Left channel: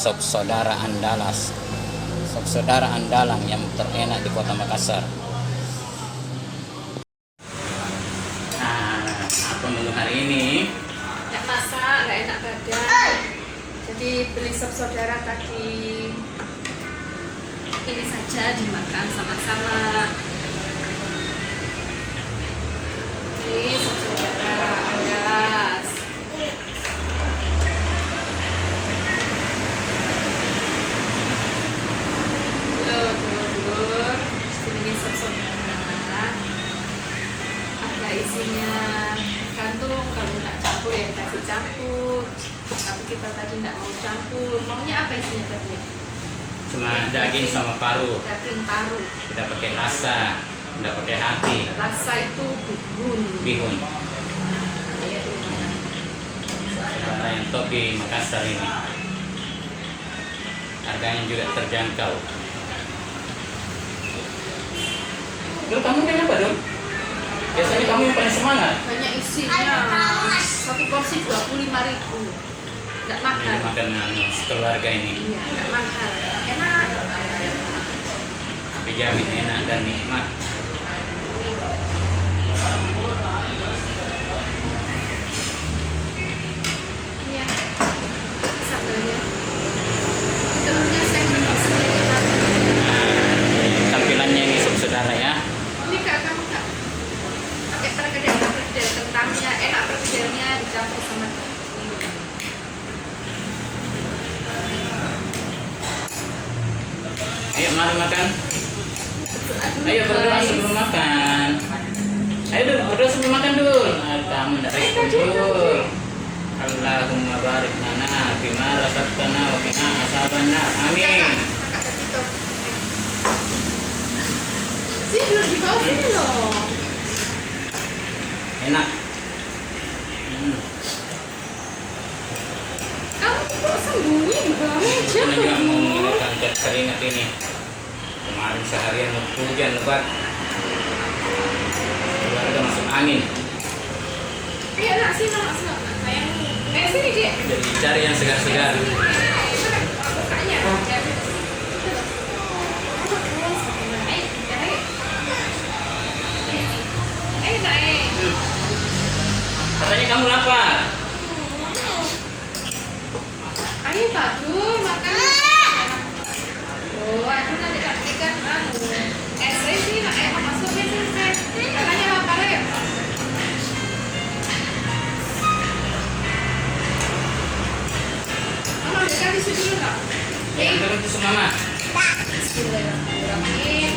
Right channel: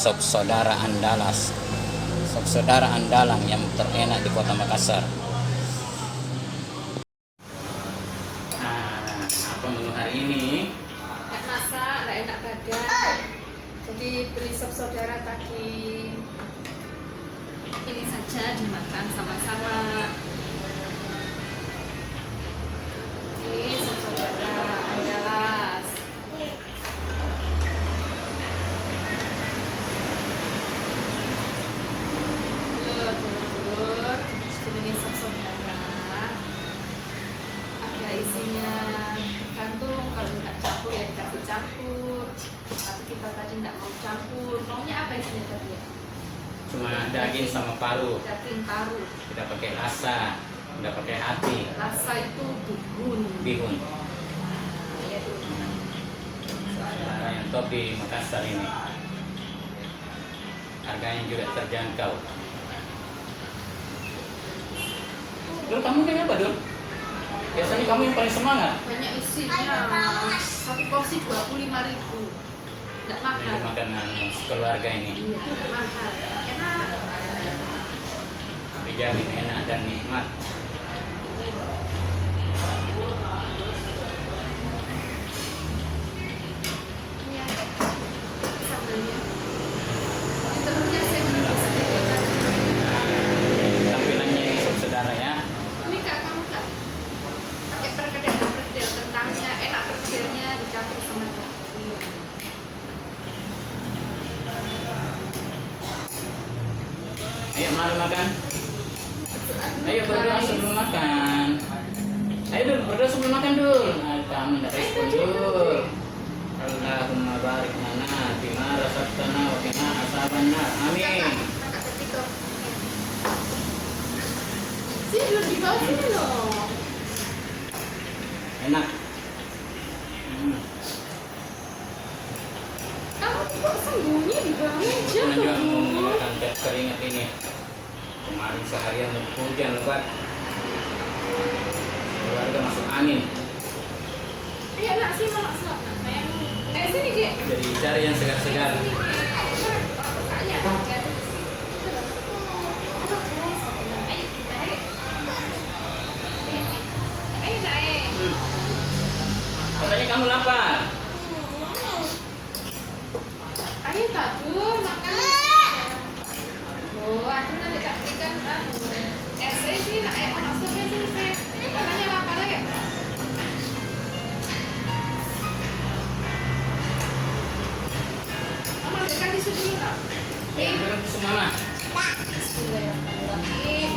sop saudara Andalas, sop saudara andalan yang terenak di Kota Makassar. Nah, apa menu hari ini? Nggak masak, nggak enak badan. Jadi beli sop saudara tadi. Ini saja dimakan sama-sama. Ini sop saudara Andalas. Ini sop saudara. Ada isinya gantung, kalau nggak campur ya kita campur. Tapi kita tadi nggak mau campur. Maunya apa isinya tadi? Cuma daging sama paru, Daging paru. tidak pakai rasa, tidak pakai hati. Rasa itu bihun. Bihun. Saudara yang top di Makassar ini. Harganya juga terjangkau. Dul, kamu kayaknya apa, Dul? Biasanya kamu yang paling semangat. Hanya isinya satu porsi 25.000. Nggak mahal. Ini makanan sekeluarga ini. Iya, nggak mahal. Enak. Dijamin enak dan nikmat. Iya. Sambelnya. Telurnya saya beli sendiri tadi. Tampilannya ini sop saudara ya. Ini Kak, kamu nggak pakai perkedel, kentangnya enak, perkedelnya dicampur sama Ayo mari makan. Ayo berdoa sebelum makan. Ayo Dul, berdoa sebelum makan Dul. Kamu tidak respon Dul. Allahumma barik lana bima razaqtana wa qina azabannar. Amin. sini dulu di bawah sini dong. Enak. Kamu kok sembunyi di bawah Ini aja? kebetulan juga mau mengeluarkan gas keringat ini. Kemarin seharian hujan lebat. Sekarang udah masuk angin. Iya, nak sini, nak sini. Sayang. Sini, Dek. Jadi cari yang segar-segar. Bukanya. Naik. Katanya kamu lapar. Ayo, Pak Dul, makan. Oh, aku nanti tak berikan, saya sih, nak masukin sih. Makanya lapar ya. Mama, dekat di sini dulu, nak. Yang turun itu semua mah. Bismillahirrahmanirrahim.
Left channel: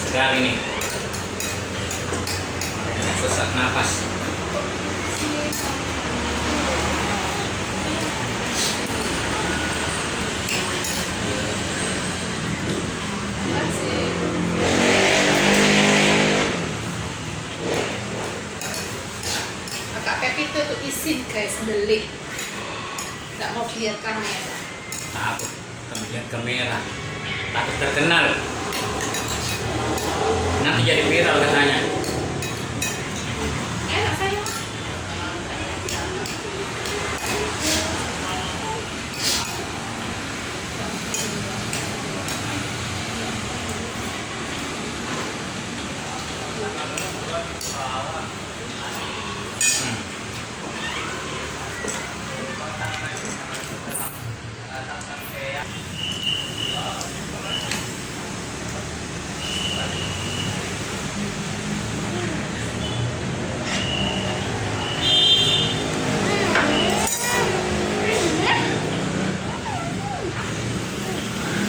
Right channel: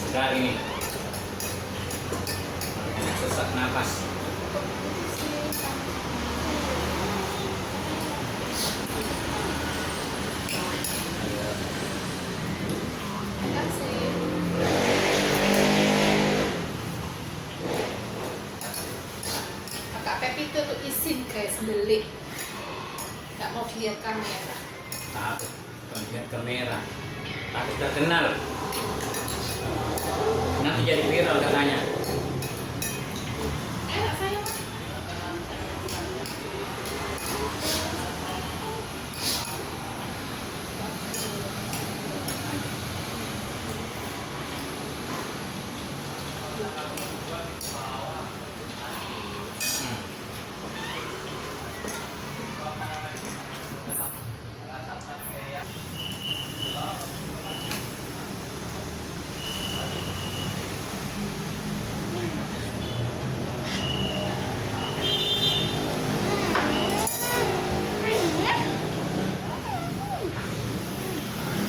Segar ini. Sesak nafas. Kakak Pepi itu tuh izin guys, beli. Nggak mau lihat kamera. Takut kemudian kamera. Takut terkenal. Nanti jadi viral katanya. Enak sayang.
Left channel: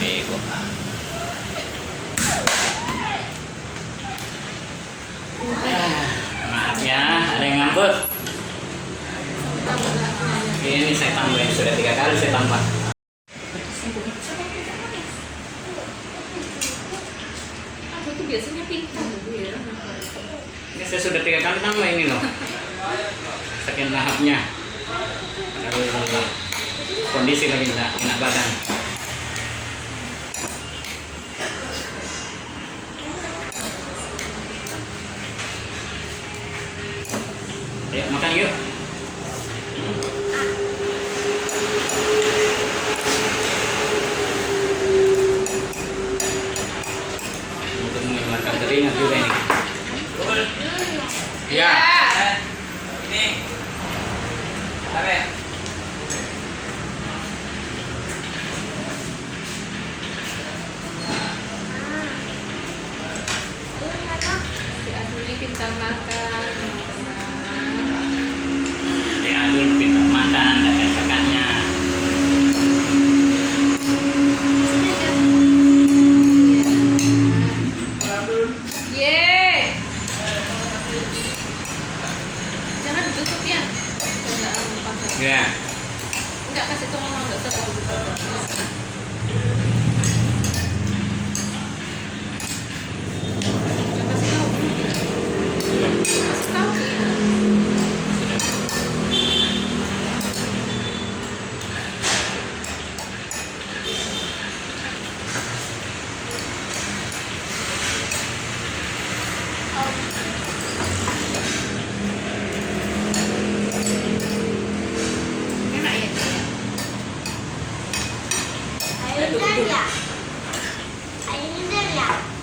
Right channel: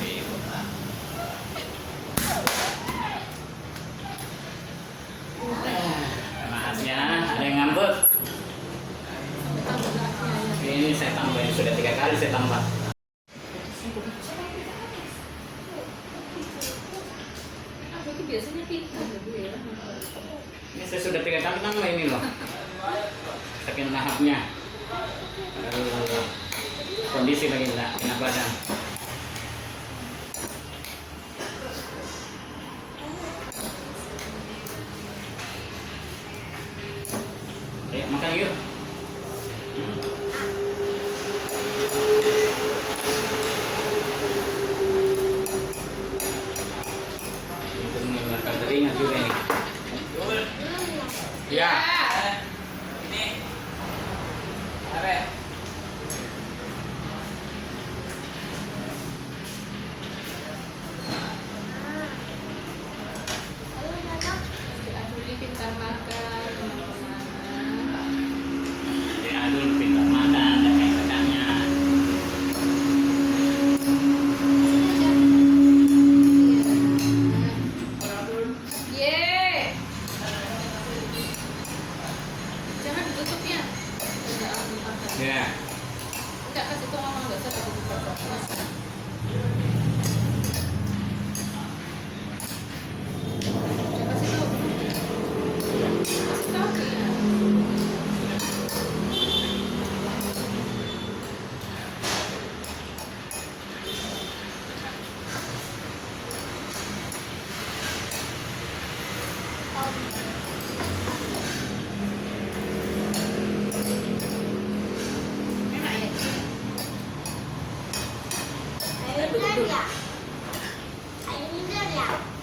Bego. Maaf ya, ada yang ngambek. Ini saya tambahin, sudah 3 kali saya tambah. Aku tuh biasanya pintar ya. Ini saya sudah 3 kali tambah ini loh. Saking lahapnya. Aduh, kondisi lagi enggak enak badan. Ayo makan yuk.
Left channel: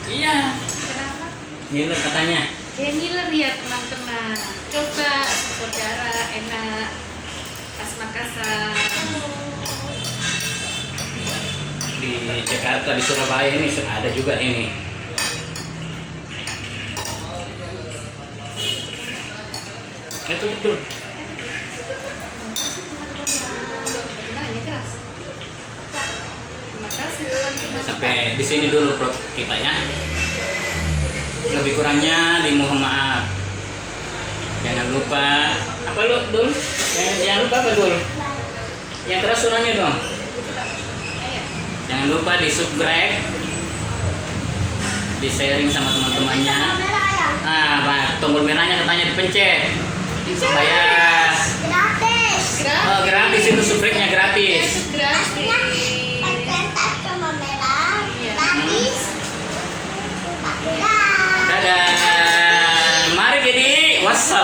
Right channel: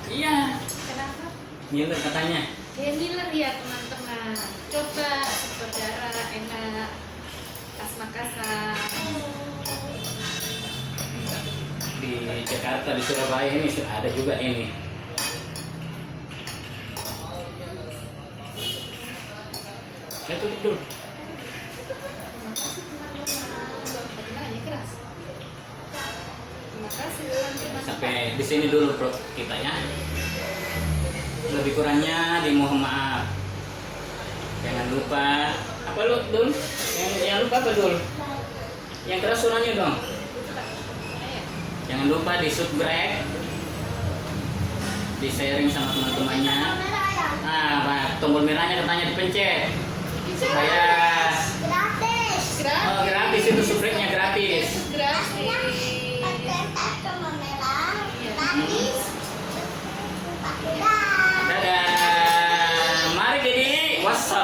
Iya. Kenapa? Ngiler katanya. Dia ngiler ya teman-teman. Coba saudara enak. Khas Makassar. Di Jakarta, di Surabaya ini ada juga ini. Itu betul. Nah, ini keras. Terima kasih teman-teman. Sampai di sini dulu vlog kita ya. Lebih kurangnya dimohon maaf. Jangan lupa apa lu Dul? Jangan lupa apa Dul? Ya terus suaranya dong. Jangan lupa di subscribe, di sharing sama teman-temannya. Nah, tombol merahnya katanya dipencet supaya